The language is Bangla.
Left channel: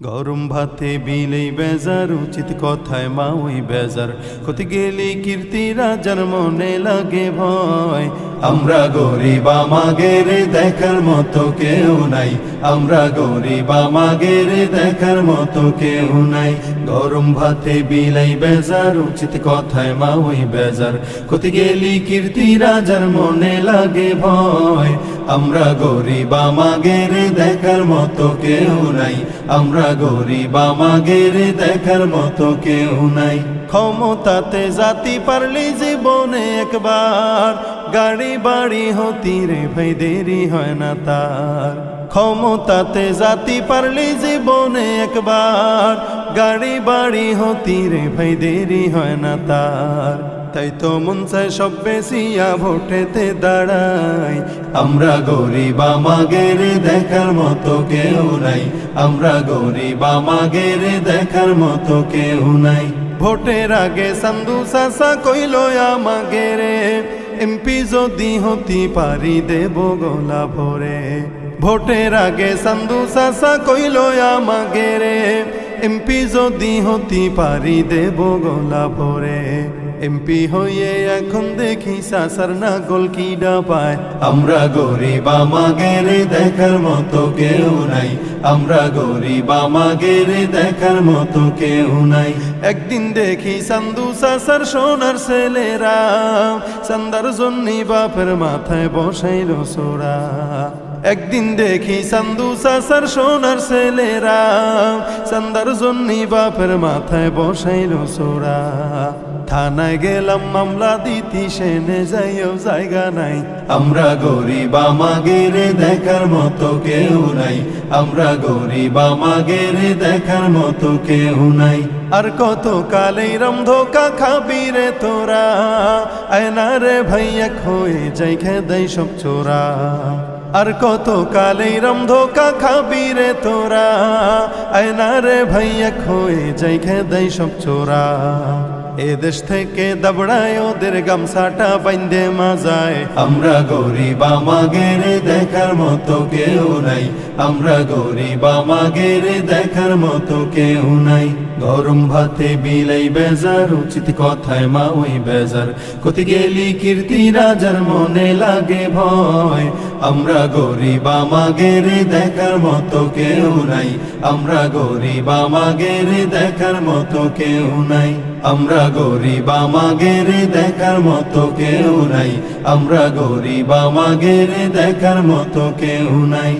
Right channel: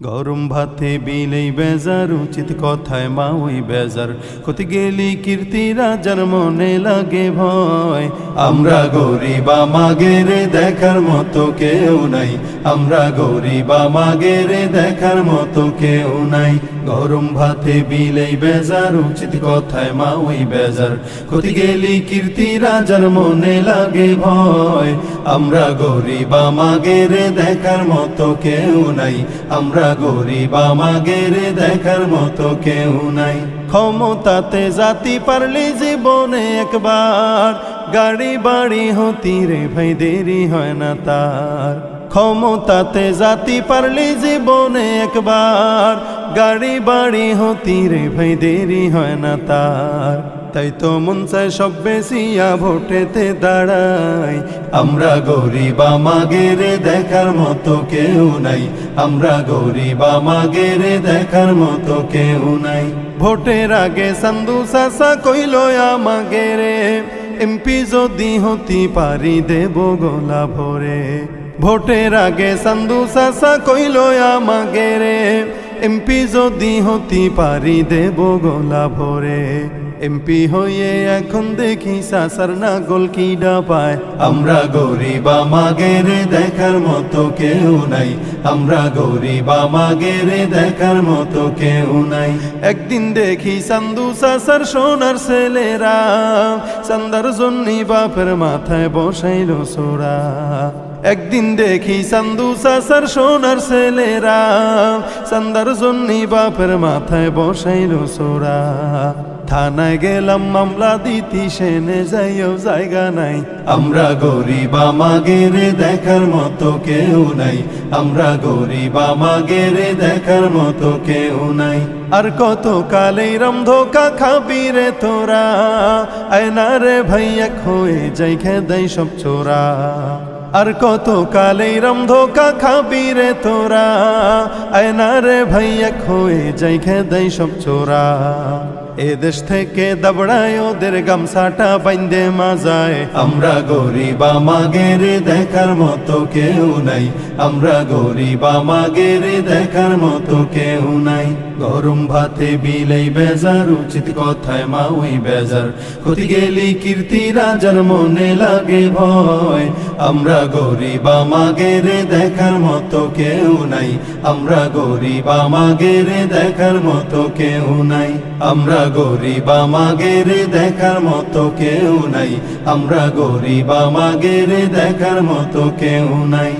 গরম ভাতে বিলেই বেজার, উচিত কথায় মা ওই বেজার। কত গেলি কীর্তি রাজার মনে লাগে ভয়। আমরা গরিব আমাগের দেখার মতো কেউ নাই, আমরা গরিব আমাগের দেখার মতো কেউ নাই। গরম ভাতে বিলেই বেজার, উচিত কথায় মা ওই বেজার। কত গেলি কীর্তি রাজার মনে লাগে ভয়। আমরা গরিব আমাগের দেখার মতো কেউ নাই, আমরা গরিব আমাগের দেখার মতো কেউ নাই। ক্ষমতাতে জাতি পারলে জীবনে একবার, গাড়ি বাড়ি হতি রে ভাই দেরি হয় না তার। ক্ষমতাতে জাতি পারলে জীবনে একবার, গাড়ি বাড়ি হতি রে ভাই দেরি হয় না তার। তাই তো মন চায় সব বেশিয়া ভোটেতে দাঁড়াই। আমরা গরিব আমাগের দেখার মতো কেউ নাই, আমরা গরিব আমাগের দেখার মতো কেউ নাই। ভোটের আগে সান্দু চাচা কইল আমাগেরে, এমপি যদি হতি পারি দেব গলা ভরে। ভোটের আগে সান্দু চাচা কইল আমাগেরে, এমপি যদি হতি পারি দেব গলা ভরে। এমপি হয়ে এখন দেখি চাচার নাগল কিডা পায়। আমরা গরিব আমাগের দেখার মতো কেউ নাই, আমরা গরিব আমাগের দেখার মতো কেউ নাই। একদিন দেখি চান্দু চাচার সোনার ছেলেরা, চান্দার জন্যই বাপের মাথায় বসাইল সোরা। একদিন দেখি চান্দু চাচার সোনার ছেলেরা, চান্দার জন্যই বাপের মাথায় বসাইল সোরা। থানায় গেলাম মামলা দিতি, সেনে যাইও জায়গা নাই। আমরা গরিব আমাগের দেখার মতো কেউ নাই, আমরা গরিব আমাগের দেখার মতো কেউ নাই। আর কত কালেই রমধোকা খাবি রে তোরা, আয়না রে ভাইয়া হয়ে যাই খেদাই সব চোরা। আর কত কালেই রমধোকা খাবি রে তোরা, আয়না রে ভাইয়া হয়ে যাই খেদাই সব চোরা। এ দেশ থেকে দাবড়ায় ওদের গামছাটা বাইন্দে মাজায়। আমরা গরিব আমাগের দেখার মতো কেউ নাই, আমরা গরিব আমাগের দেখার মতো কেউ নাই। গরম ভাতে বিলেই বেজার, উচিত কথায় মা ওই বেজার। কত গেলি কীর্তি রাজার মনে লাগে ভয়। আমরা গরিব আমাগের দেখার মতো কেউ নাই, আমরা গরিব আমাগের দেখার মতো কেউ নাই। আমরা গরিব আমাগের দেখার মতো কেউ নাই, আমরা গরিব আমাগের দেখার মতো কেউ নাই।